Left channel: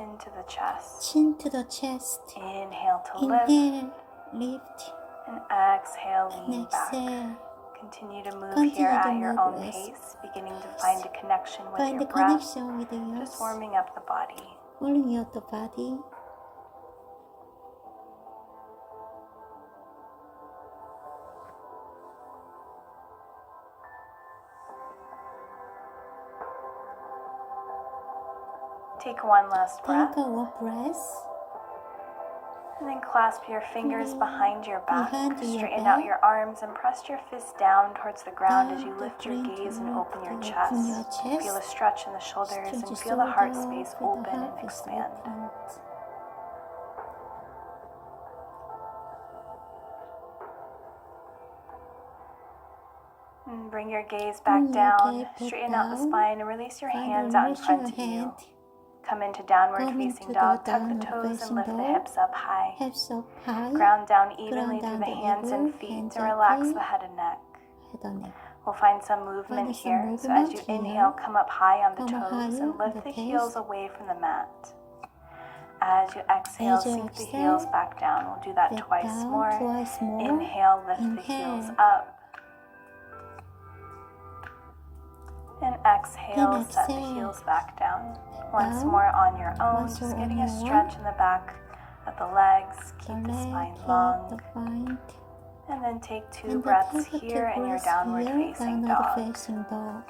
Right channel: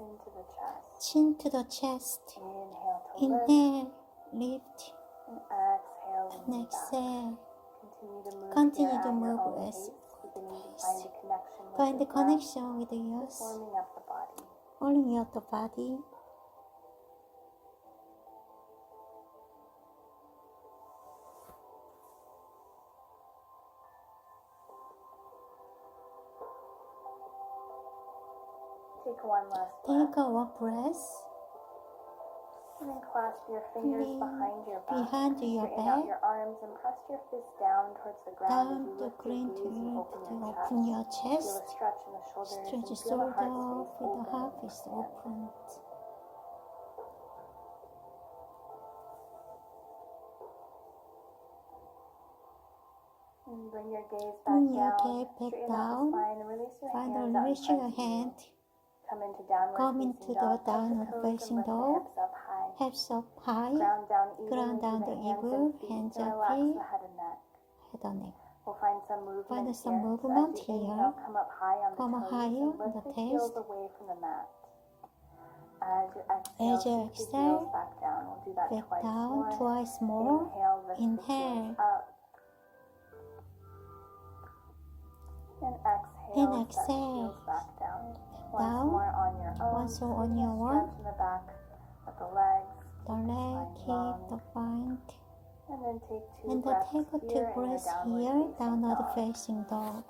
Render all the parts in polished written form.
chin to the chest. Chin to the chest. Inhale to Inhale, lift. and exhale, lean back. Exhale. Continue to move Continue here to at your move own as- pace, beginning to find a connection with Find your the breath, connection with yours. just warming up the body. Warming up the body. Take one last breath, Take a one breath. and then clasp your fingers behind your back, behind your straighten back. out your arms, and press your fists down towards the ground as you Down lift the your ground gaze to and lift open your to chest. open your chest. Feel a stretch in the shoulders Stretch and your feel the heart shoulder, space feel the open heart and space expand. open. And bring your gaze Bring back your down, gaze back straighten out the down. spine, and release your Find hands the out in release front your of you. hand. Come into downward Come facing into dog, the tuck the downward toes and facing lift the dog. hips up high. Hips up high. Ground down evenly Ground down through the the hands eagle, and feet hands to relax gently. the head and neck. Head and neck. We'll find some movement Find some here. So as movement you here. inhale, come up high on the Come toes higher and on lift the the toes. heels away from the mat. As you exhale, As you sink the exhale, heels back down. We'll do that Back twice down, more. twice more. Inhale, lift the heels Inhale. up. And exhale, And set the exhale. heels back down. Once Down. more on your own, Once just more on getting a your own. stretch in the back of the legs. The Keep the leg, spine keep long. the spine. And then take two And breaths take a here two in your breaths downward here, facing downward dog. facing dog.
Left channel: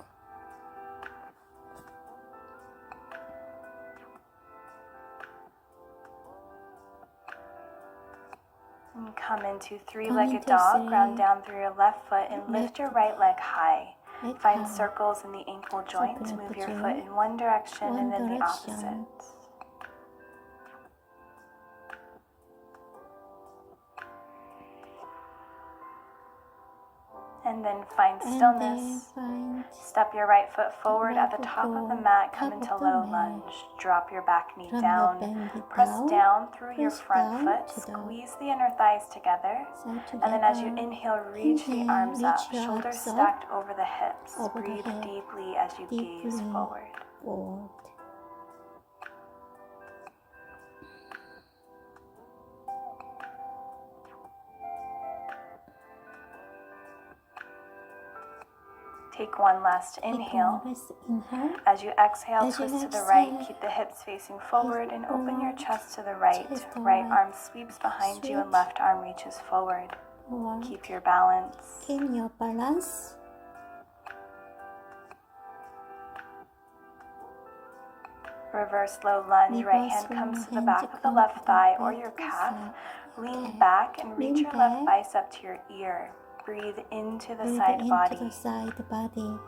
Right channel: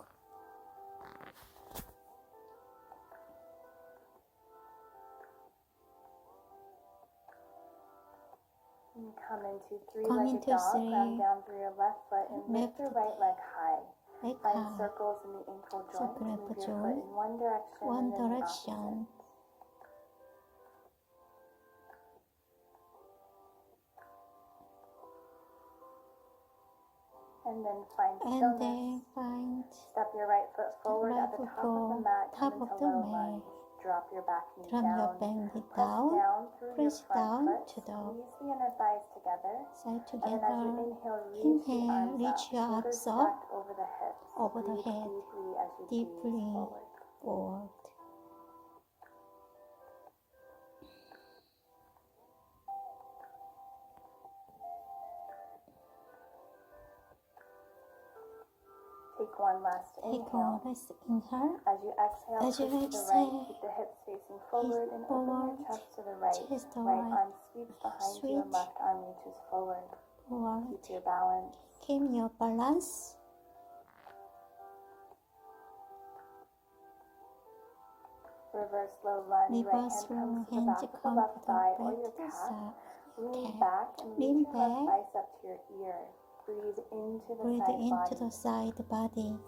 And come into Come three-legged into dog. Ground three. down through your left foot and lift your right leg high. Right Find high. circles in the ankle joints. Circle Move at the your foot joint. in one direction One and then the direction. opposite. And then find And stillness. then find Step your right foot forward right at the foot top of the forward, mat. Come top into of the low mat. lunge. Drop your back knee Drop your down. back knee Press down. down through your Press front down foot. to the Squeeze the inner thighs together. side together. And then as you inhale, reach the Inhale, arms reach up. your Shoulders arms up. stacked over the hips. Over the Breathe hip. deeply as you gaze Deeply. forward. Forward. Take one last Take inhale. one last inhale. As you exhale, As you twist to the right. exhale, Keep the hips facing forward and open your forward, chest to the right. chest to Right right. arm sweeps behind you and Sweep. left arm reaches forward. Forward. Keep your balance. Keep your balance. Reverse low lunge. Right Reverse hand comes low to the hand back to of the come left to the thigh or back your of the calf. side. Lean Okay. back and reach Lean your left back. bicep to your ear. Breathe into the Breathe side into body. the side body.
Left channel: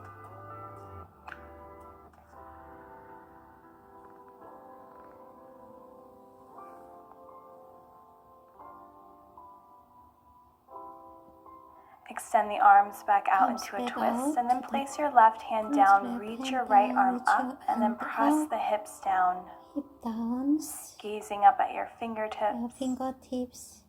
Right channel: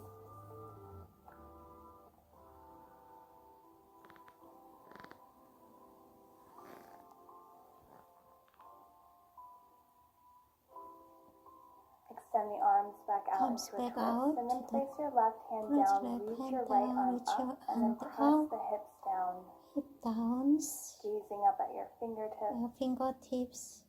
Extend the arms back out Arms into a back twist, out and then to the- place your left hand Place down. left Reach hand your right down, arm reach up, your and then hand press up. the hips down. Hip downs. Gazing up at your fingertips. Your fingertips.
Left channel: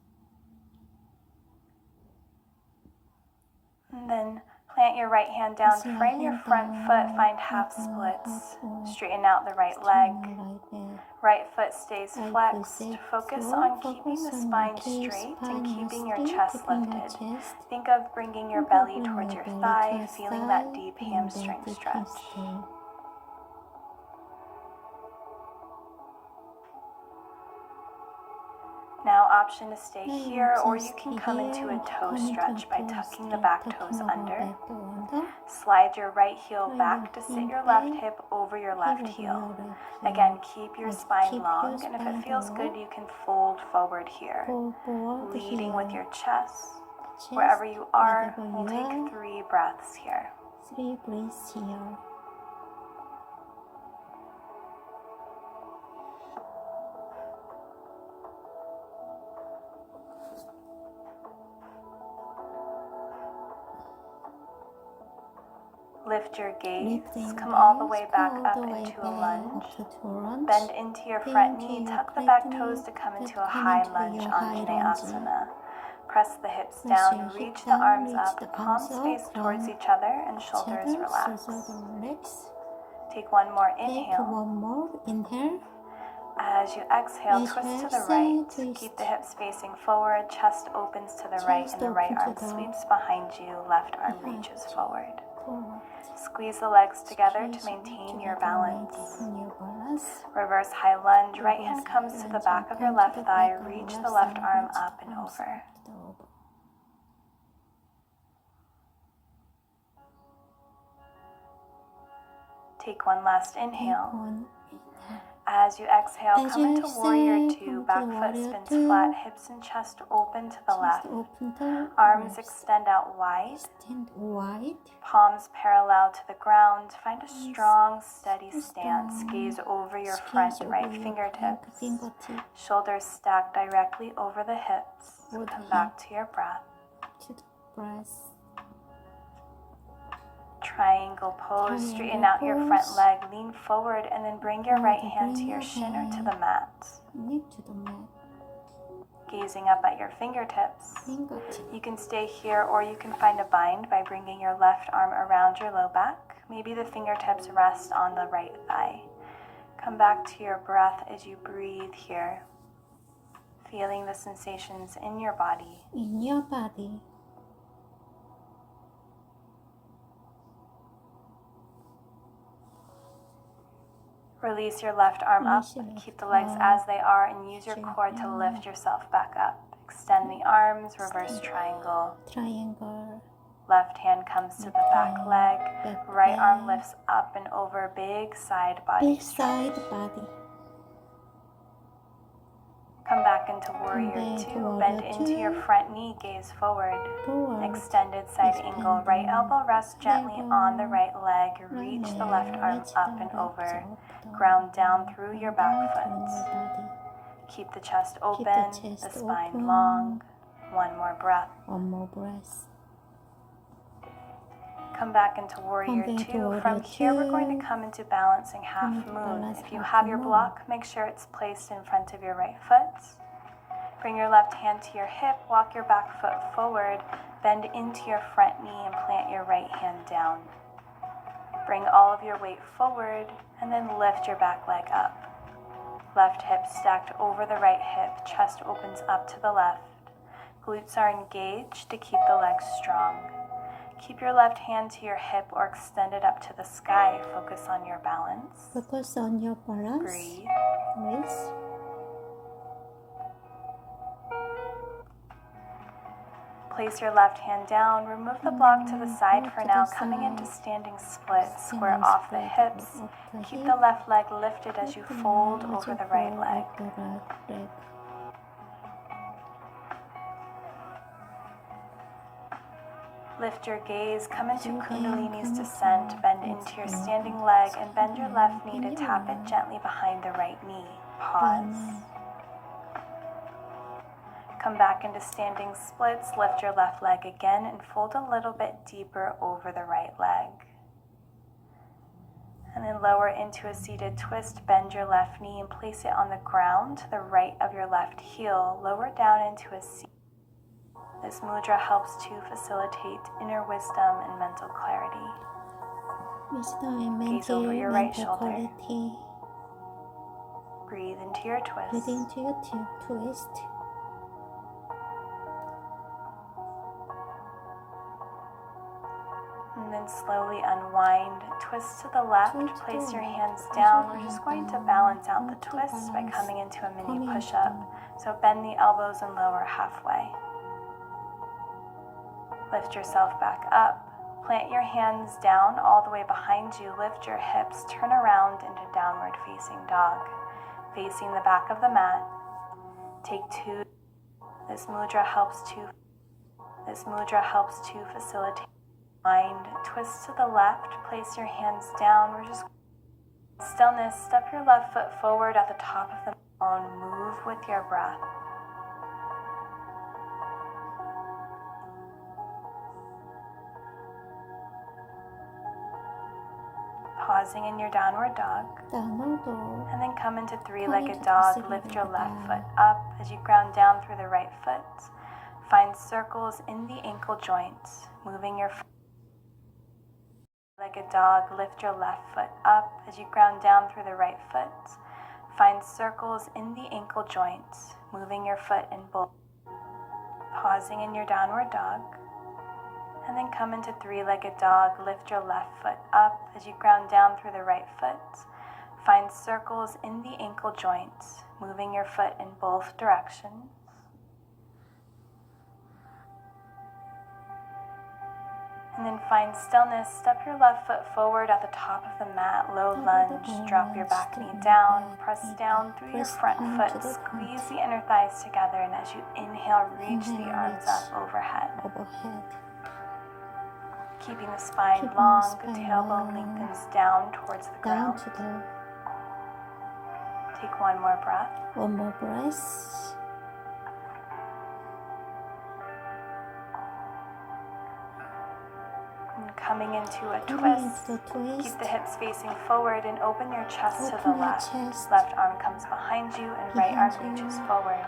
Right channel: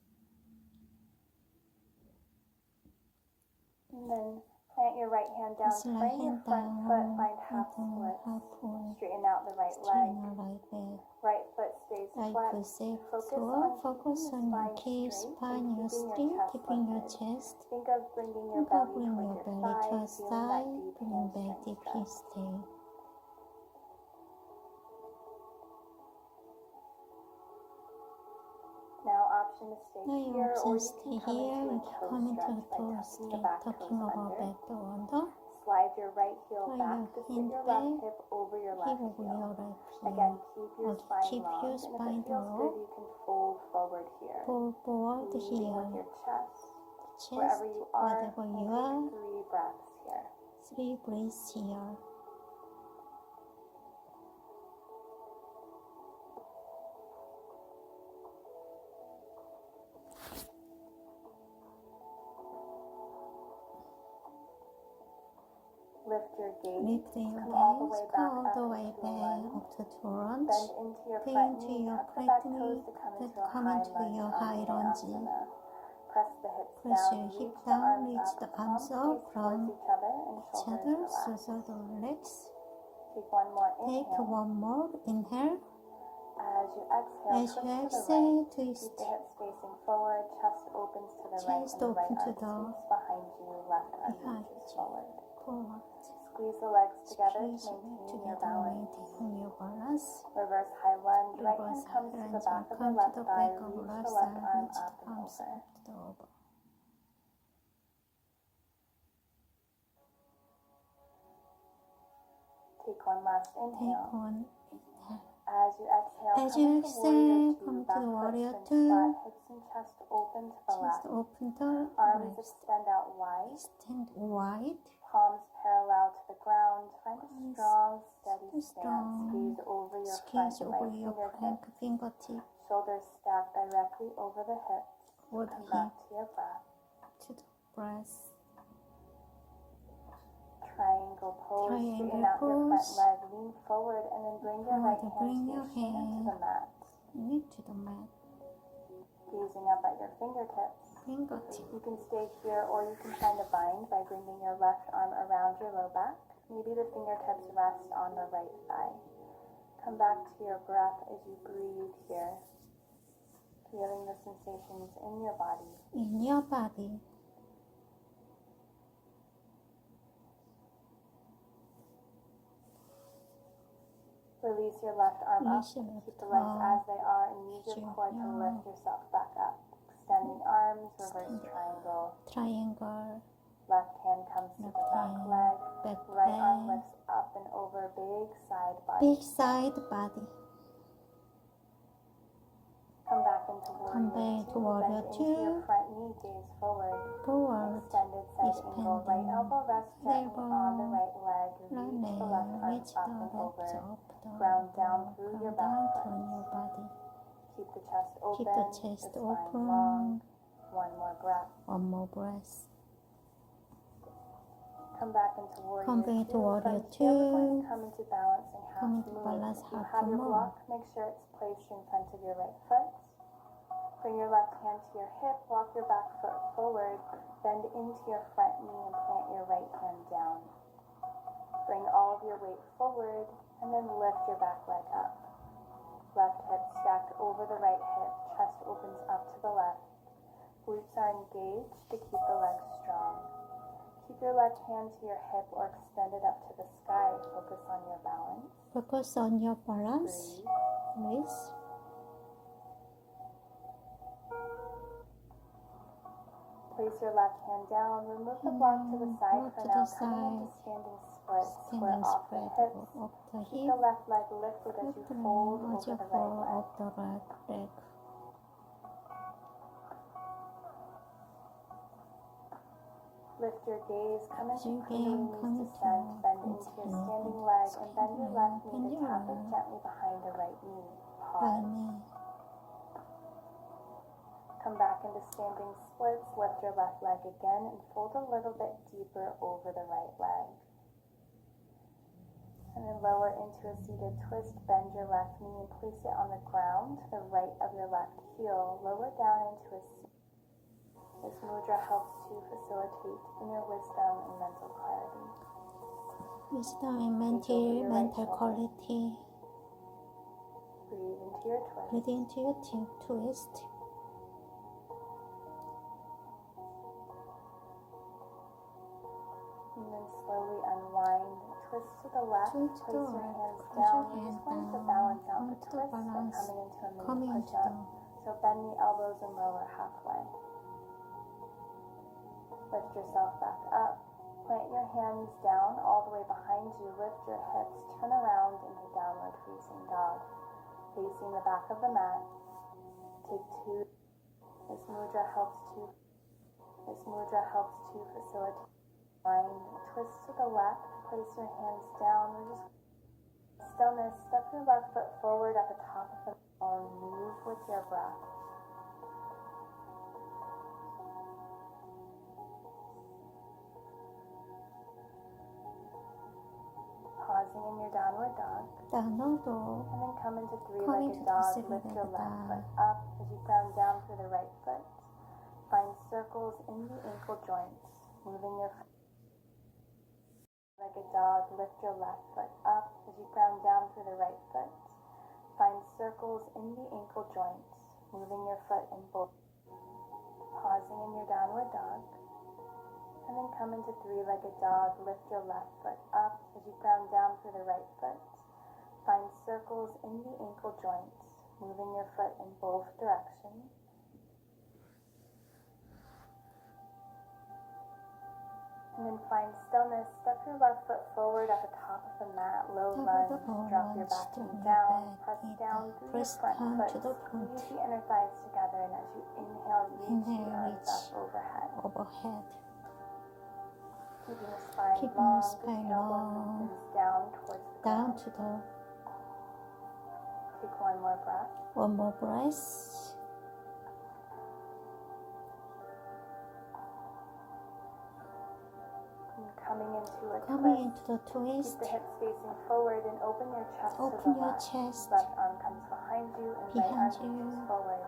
And then plant your right hand down. Place your Frame your hand front down, foot. Find half front foot, half splits. foot. Straighten out the right leg. Straighten your right leg. Right foot stays Right foot flexed. stays Focus forward. on keeping Focus the on spine keep straight spine and keeping your straight, chest keeping your lifted. chest. Think of bringing your Think of belly bringing towards your your belly thigh, towards feeling that thigh, deep feeling that hamstring deep stretch. hamstring. Now option to stay Now you here, or can you can stay come into here a and toe come into stretch a by toe tucking the stretch, back tucking toes our under. back toe under. Slide your right heel Slide back your to sit heel your left back, hip over your hip left over heel. your left heel. Again, keep your And spine keep long, your and if spine it feels good, long. you can fold forward here. Fold forward Leading with here. your chest. Chest, Wherever you are, wherever we'll you are. take 3 breaths here. 3 breaths here. Lift your gaze. Lifting your Come all the gaze, way back all up the way into a back lunge. up to lunge. Bend into your front Bend knee. into your Tuck the front back toes knee, to come to into a come high into lunge, your high lunge. Anjaneyasana. Press the hips Press down, your reach hip the down, arms reach up, the palms arms face up, towards palm each other, and shoulders together, relax. shoulder relax. Take one more Take inhale. one more inhale. As you exhale, twist to the right. Keep the hips facing forward, chest opens to the right, and the right arm sweeps behind you, left arm reaches forward. Squeeze the legs together to maintain your balance. Reverse high lunge, right hand comes to the back of your left thigh, reach the left arm up and over. Take one last inhale. As you exhale, come into warrior two. Back foot spins flat, hips and chest open to the left. Arms extend out wide. Palms parallel to the ground. Find a strong, steady stance. Gaze over your front right fingertips. Shoulders stacked directly over the hips. Come back to your breath. Triangle pose, straighten out your front leg, lean forward, and then bring your right hand to your shin or to the mat. Gazing up at your fingertips. You can stay here or you can find a bind by bringing your left arm around your low back. Maybe the fingertips rest on the right thigh. Come back to your breath as you breathe here, feeling the sensations in your body. Release your left arm up, keep the legs as they are, and use your core to lift yourself back up. Extend the arms, reverse triangle. Left hand comes to the back leg, right arm lifts up and over, big side body stretch. Come back into warrior two, bend into your front knee, gaze forward. Extended side angle, right elbow rests gently on the right leg, reach the left arm up and over. Ground down through your back foot. Keep the chest open, the spine long. One more breath. Come back into warrior two. From here, we're going to come into balancing half moon. If you have your block, make sure it's placed in front of your right foot. Bring your left hand to your hip, walk your back foot forward, bend into your front knee and plant your right hand down. Bring all of your weight forward and then lift your back leg up. Left hip stacked over the right hip, chest opens up to the left. Glutes are engaged to keep the legs strong. Keep your left hand to your hip or extend it up to the sky. Focus on your balance. Breathe. Place your left hand down. Remove the block to the side for now. Coming into standing split. Square off the hips. Keep the left leg lifted as you fold over the right leg. Lift your gaze, come into Kundalini's descent, bend into your standing leg, and bend your left knee to tap it gently behind the right knee. Pause. Come back into standing splits, lift your left leg again, and fold a little bit deeper over the right leg. And then lower into a seated twist, bend your left knee and place it on the ground to the right of your left heel. Lower down into a seat. This mudra helps to facilitate inner wisdom and mental clarity. Gaze over your right shoulder. Breathe into your twist. And then slowly unwind. Twist to the left. Place your hands down. We're just going to balance out the twist by coming into a mini push-up. So bend the elbows and lower halfway. Lift yourself back up. Plant your hands down all the way behind you. Lift your hips. Turn around into downward facing dog. Facing the back of the mat. Take two. This mudra helps to facilitate mind. Twist to the left. Place your hands down. We're just stillness. Step your left foot forward at the top of the bone. Move with your breath. Pausing in your downward dog. And then come into three-legged dog. Lift your left foot up as you ground down through the right foot. Find circles in the ankle joints. Moving your three-legged dog. Lift your left foot up as you ground down through the right foot. Find circles in the ankle joints, moving your foot in both. Pausing in your downward dog. And then come into three-legged dog. Lift your left foot up as you ground down through the right foot. Find circles in the ankle joints, moving your foot in both directions. And then find stillness. Step your left foot forward at the top of the mat. Low lunge. Drop your back knee down. Press down through your front foot. Squeeze the inner thighs together. And as you inhale, reach the arms up overhead. Keeping the spine long. The tailbone lengthens down towards the ground. Take one more breath. One more breath. Coming into a twist. Keep the hips facing forward and open your chest to the left. Left arm comes behind you and right arm reaches forward.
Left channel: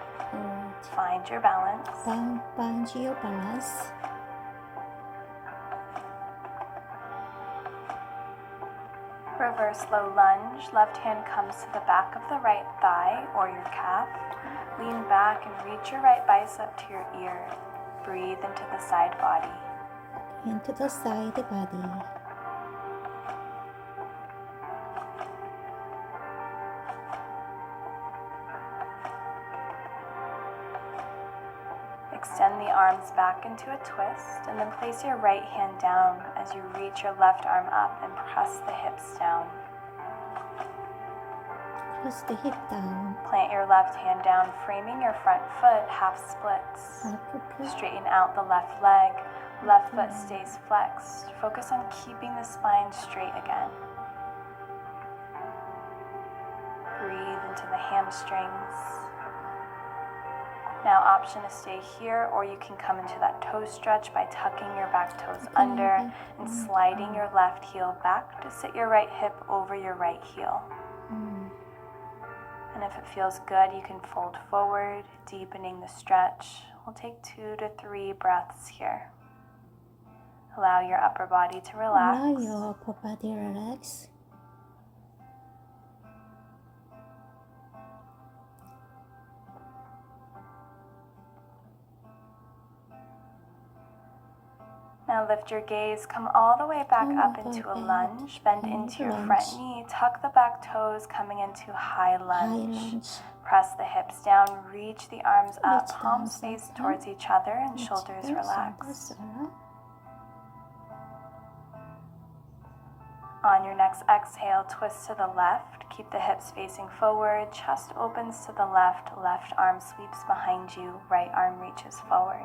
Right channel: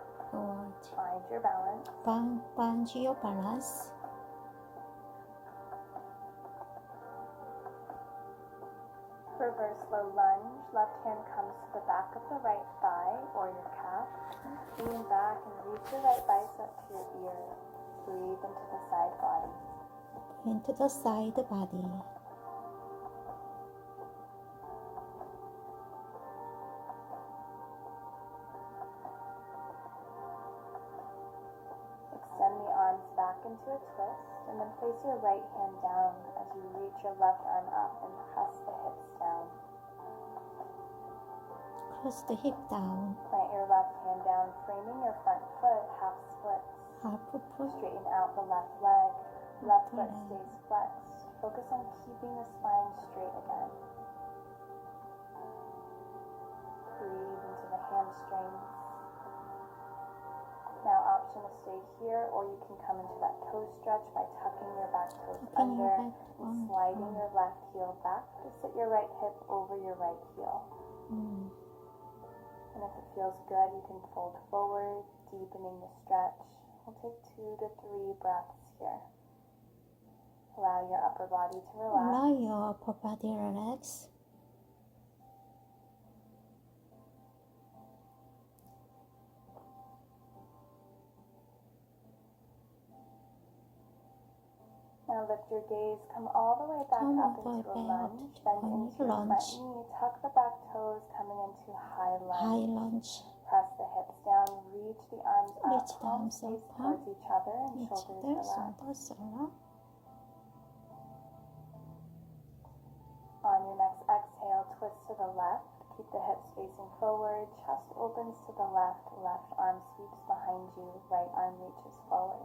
Find your balance. Find your balance. Reverse low lunge. Left hand comes to the back of the right thigh or your calf. Lean back and reach your right bicep to your ear. Breathe into the side body. Into the side body. Extend the arms back into a twist and then place your right hand down as you reach your left arm up and press the hips down. Press the hip down. Plant your left hand down, framing your front foot, half splits. Straighten out the left leg. Left foot stays flexed. Focus on keeping the spine straight again. Breathe into the hamstrings. Now option to stay here, or you can come into that toe stretch by tucking your back toes under and sliding your left heel back to sit your right hip over your right heel. And if it feels good, you can fold forward, deepening the stretch. We'll take 2 to 3 breaths here. Allow your upper body to relax. Allow your upper body relax. Now lift your gaze, come all the way back up into a lunge. Bend into your front knee, tuck the back toes, coming into high lunge. Press the hips down, reach the arms up, palms face towards each other and shoulders relax. On your next exhale, twist to the left. Keep the hips facing forward, chest opens to the left, left arm sweeps behind you, right arm reaches forward.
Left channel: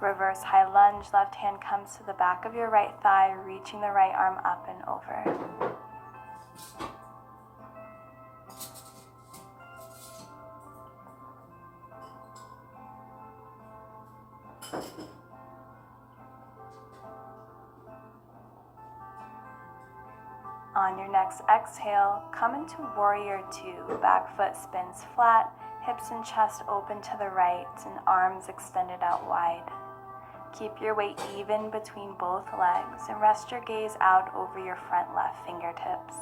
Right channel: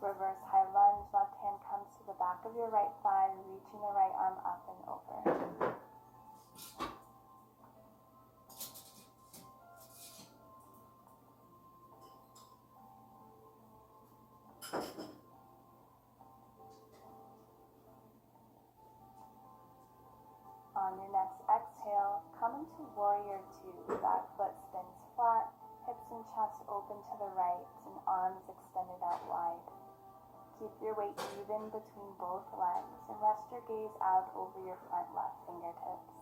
Reverse high lunge, left hand comes to the back of your right thigh, reaching the right arm up and over. On your next exhale, come into warrior two. Back foot spins flat, hips and chest open to the right, and arms extended out wide. Keep your weight even between both legs and rest your gaze out over your front left fingertips.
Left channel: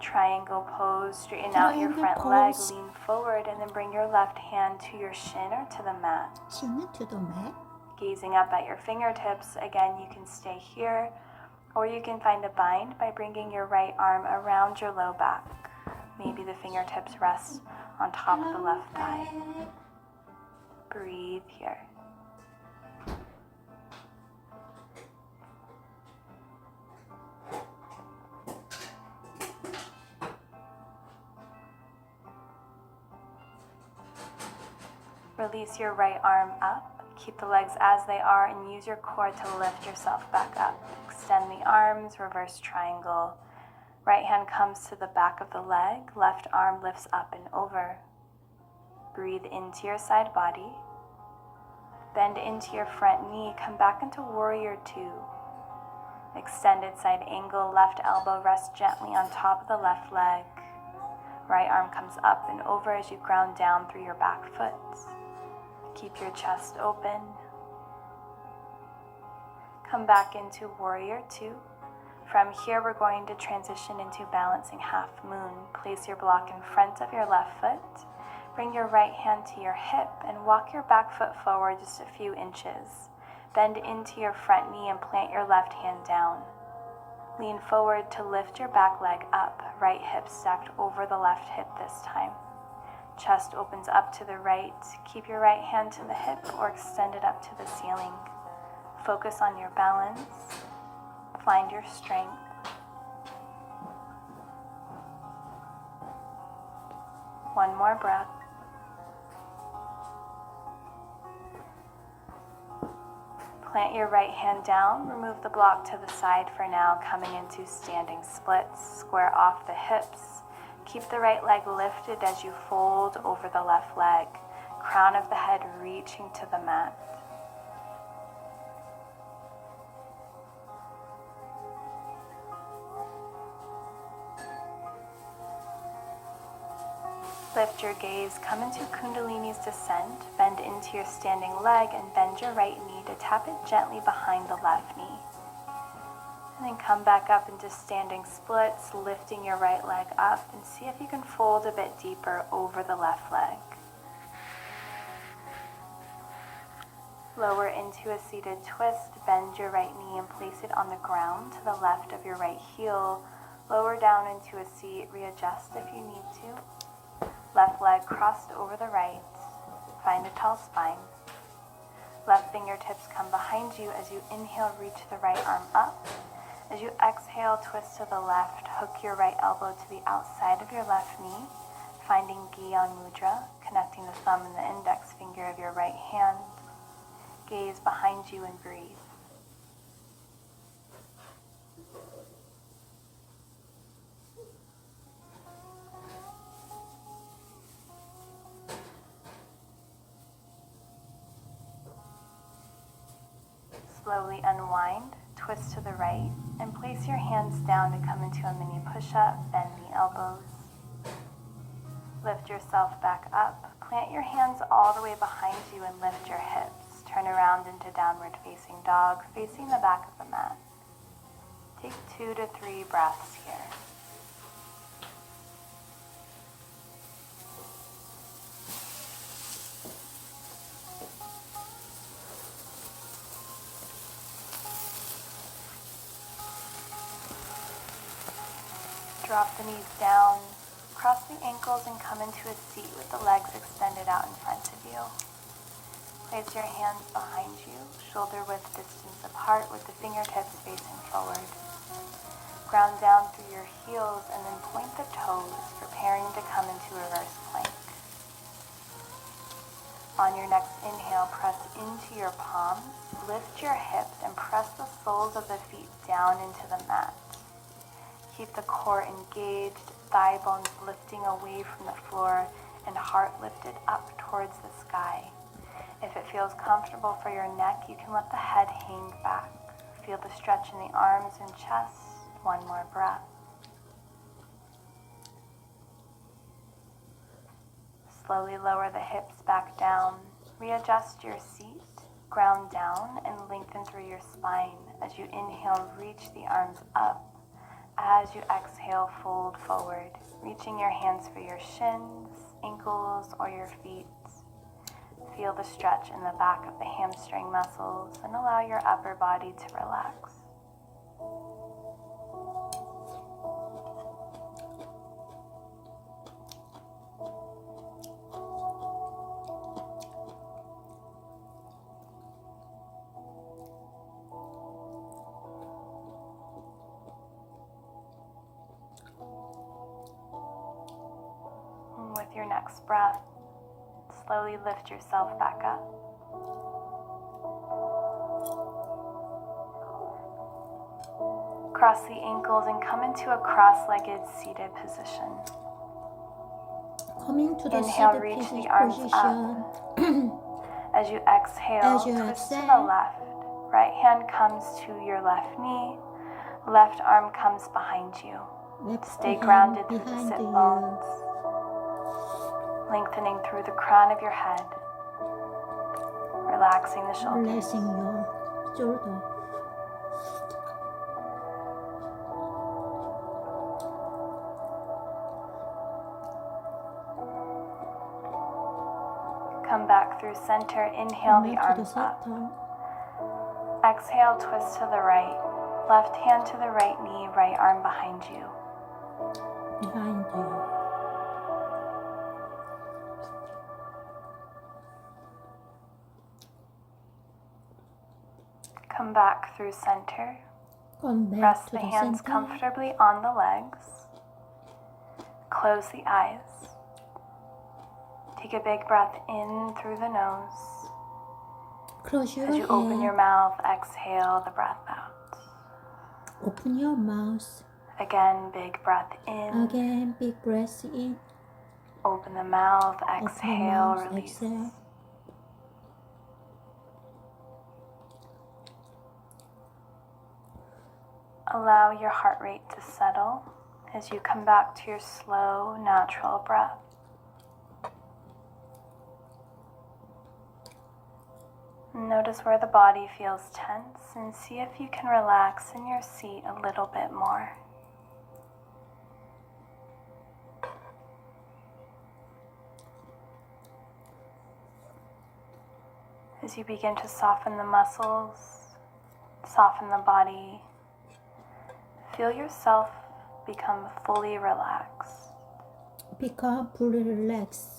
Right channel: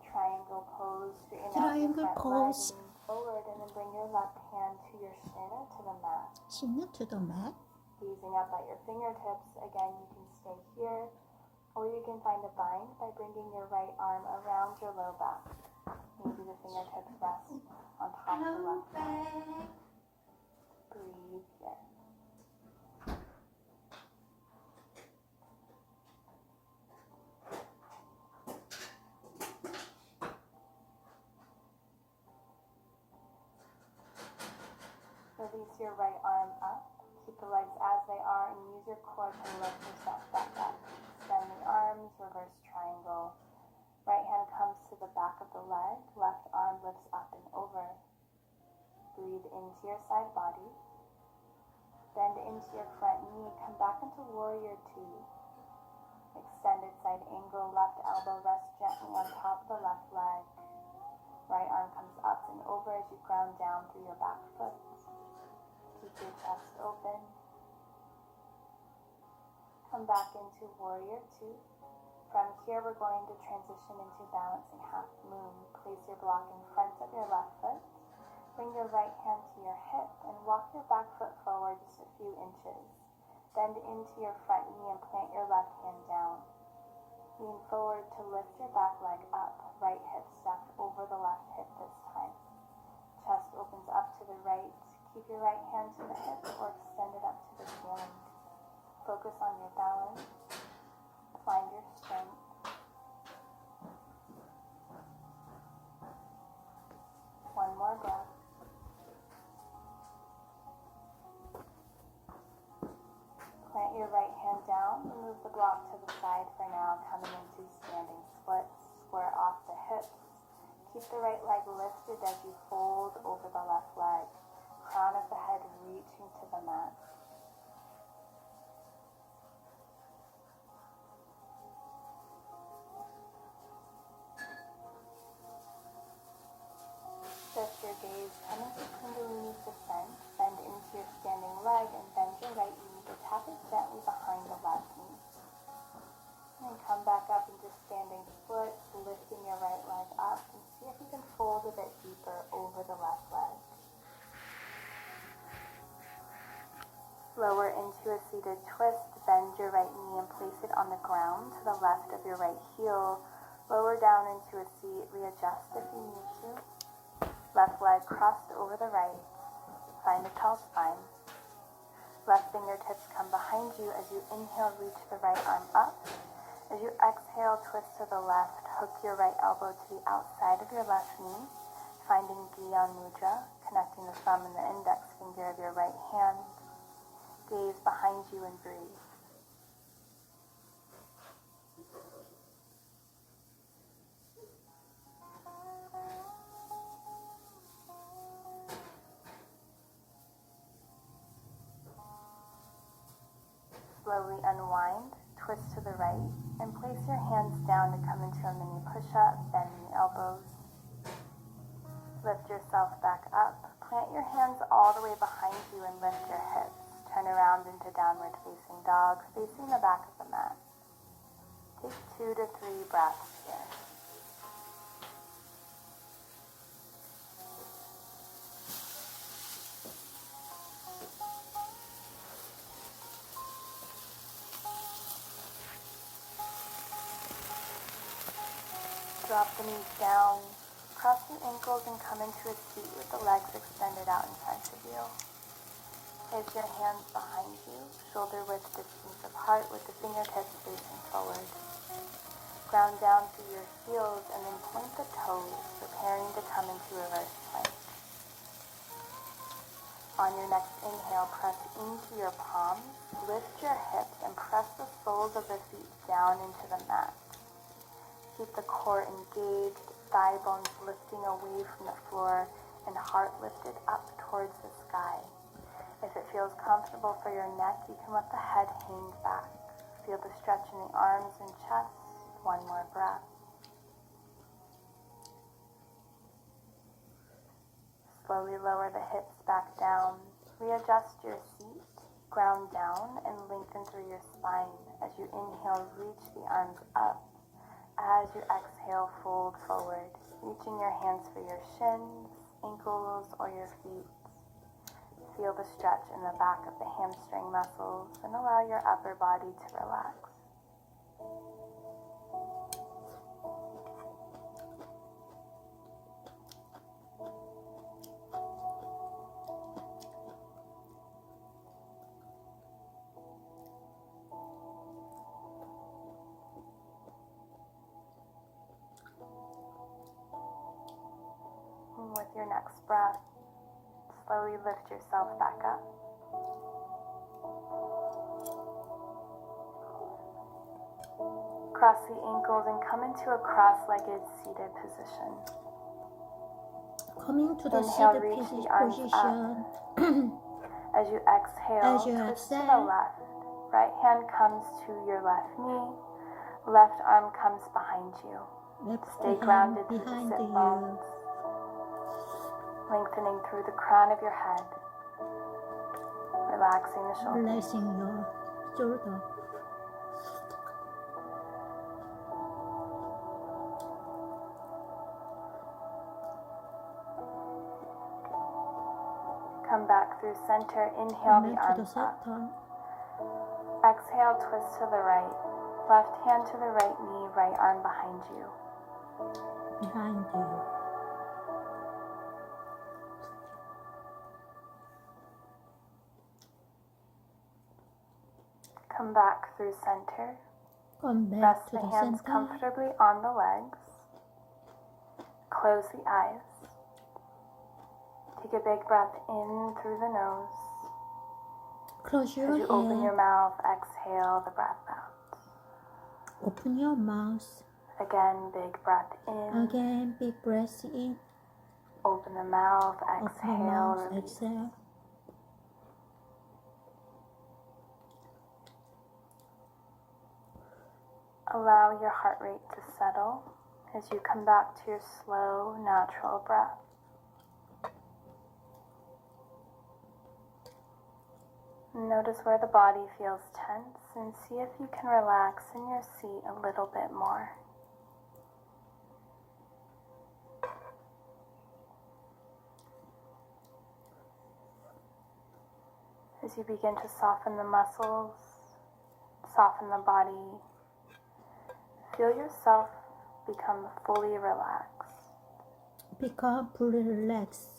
Triangle pose, straighten out your front leg, lean forward, and then bring your left hand to your shin or to the mat. Shin to the mat. Gazing up at your fingertips, again you can stay here, or you can find a bind by bringing your right arm around your low back. Maybe the fingertips rest on top of the left thigh. Breathe here. Release your right arm up. Keep the legs as they are and use your core to lift yourself back up. Extend the arms, reverse triangle. Right hand comes to the back of the leg. Left arm lifts up and over. Breathe into your side body. Bend into your front knee. Come back into warrior two. Extended side angle. Left elbow rests gently on top of the left leg. Right arm comes up and over as you ground down through your back foot. Keep your chest open. Come back into Warrior Two. From here, we're going to transition into balancing half moon. Place your block in front of your left foot. Bring your right hand to your hip and walk your back foot forward just a few inches. Bend into your front knee and plant your left hand down. Lean forward to lift your back leg up, right hip stacked over the left hip this time. Chest opens up to the right. Keep your right hand to the hip or extend it up to the ceiling. Focus on your balance. Find your strength. One more breath. Plant your right hand down, remove the block to the side for now, coming into standing splits. Square off the hips. Keep the right leg lifted as you fold over the left leg. Crown of the head reaching to the mat. Lift your gaze, come into Kundalini's descent, bend into your standing leg and bend your right knee to tap it gently behind the left knee. And then come back up into standing splits, lifting your right leg up and see if you can fold a bit deeper over the left leg. Lower into a seated twist, bend your right knee and place it on the ground to the left of your right heel. Lower down into a seat, readjust if you need to. Left leg crossed over the right. Find a tall spine. Left fingertips come behind you as you inhale, reach the right arm up. As you exhale, twist to the left. Hook your right elbow to the outside of your left knee, finding Gyan Mudra, connecting the thumb and the index finger of your right hand. Gaze behind you and breathe. Slowly unwind, twist to the right, and place your hands down to come into a mini push-up. Bend the elbows. Lift yourself back up. Plant your hands all the way behind you and lift your hips. Turn around into downward facing dog, facing the back of the mat. Take 2 to 3 breaths here. Drop the knees down, cross the ankles and come into a seat with the legs extended out in front of you. Place your hands behind you, shoulder width distance apart with the fingertips facing forward. Ground down through your heels and then point the toes, preparing to come into reverse plank. On your next inhale, press into your palms, lift your hips and press the soles of the feet down into the mat. Keep the core engaged, thigh bones lifting away from the floor and heart lifted up towards the sky. If it feels comfortable for your neck, you can let the head hang back. Feel the stretch in the arms and chest. One more breath. Slowly lower the hips back down. Readjust your seat. Ground down and lengthen through your spine. As you inhale, reach the arms up. As you exhale, fold forward, reaching your hands for your shins, ankles, or your feet. Feel the stretch in the back of the hamstring muscles and allow your upper body to relax. With your next breath, slowly lift yourself back up. Cross the ankles and come into a cross-legged seated position. Coming to the Inhale, seated reach the arms position. As you exhale, As you twist to the exhale. left. Right hand comes to your left knee. Left arm comes behind you. Left Stay hand grounded through the behind sit you. bones. lengthening through the crown of your head, relaxing the shoulders. Relaxing your shoulder. Come back through center. Inhale the Come back to the arms up. center. Exhale, twist to the right. Left hand to the right knee, right arm behind you. Behind you. Come back through center. Come back Rest to the the hands center. comfortably on the legs. Close the eyes. Take a big breath in through the nose. Close your As you open your hand. mouth, exhale the breath out. Open your mouth. Again, big breath in. Again, big breath in. Open the mouth, Open the exhale, mouth. release. Exhale. Allow your heart rate to settle as you come back to your slow, natural breath. Notice where the body feels tense and see if you can relax in your seat a little bit more. As you begin to soften the muscles, soften the body, feel yourself become fully relaxed. Become fully relaxed.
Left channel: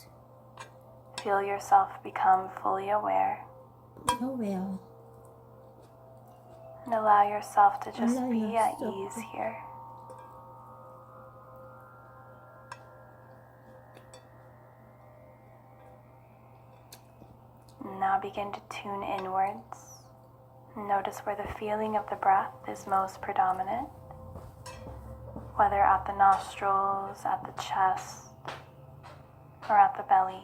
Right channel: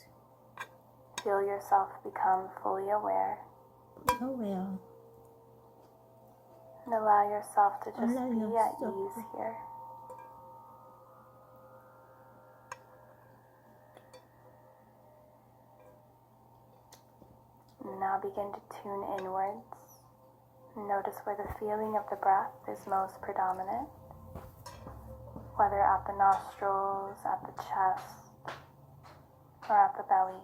Feel yourself become fully aware. Aware. And allow yourself to just Allow be at yourself ease to- here. Now begin to tune inwards. Notice where the feeling of the breath is most predominant, whether at the nostrils, at the chest, or at the belly.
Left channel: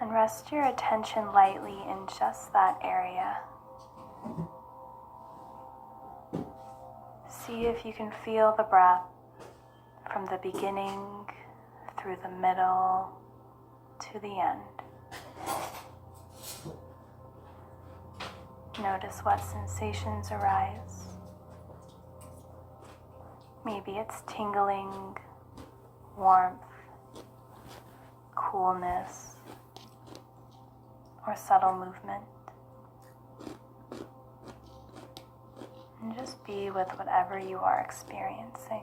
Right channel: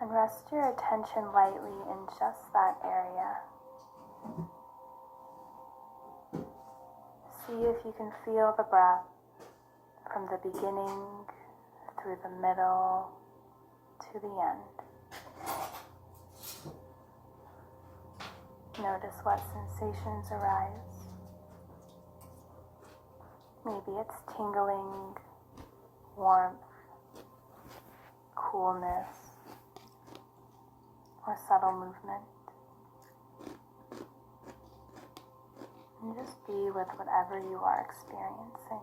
And rest your attention lightly in just that area. See if you can feel the breath from the beginning through the middle to the end. Notice what sensations arise. Maybe it's tingling, warmth, coolness, or subtle movement. And just be with whatever you are experiencing.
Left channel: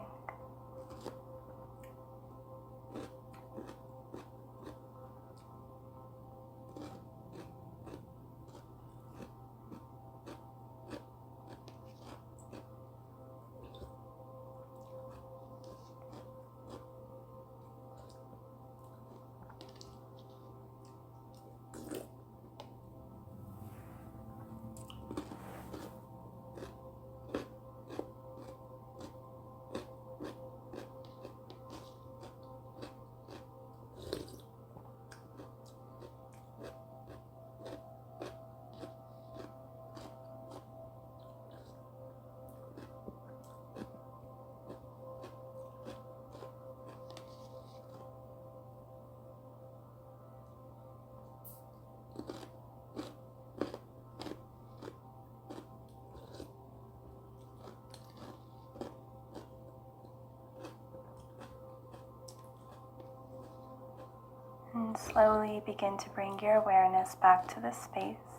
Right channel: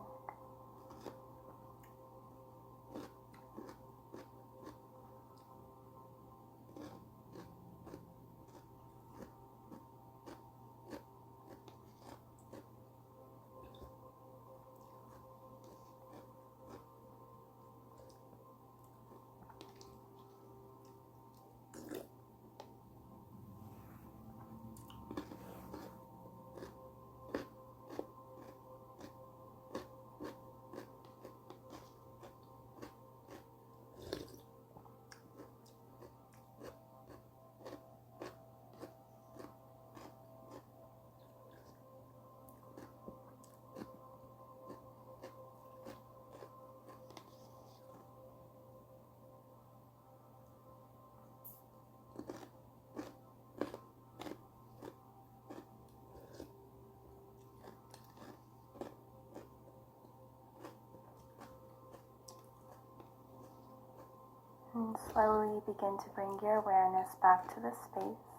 And slowly begin to bring your awareness back to the space.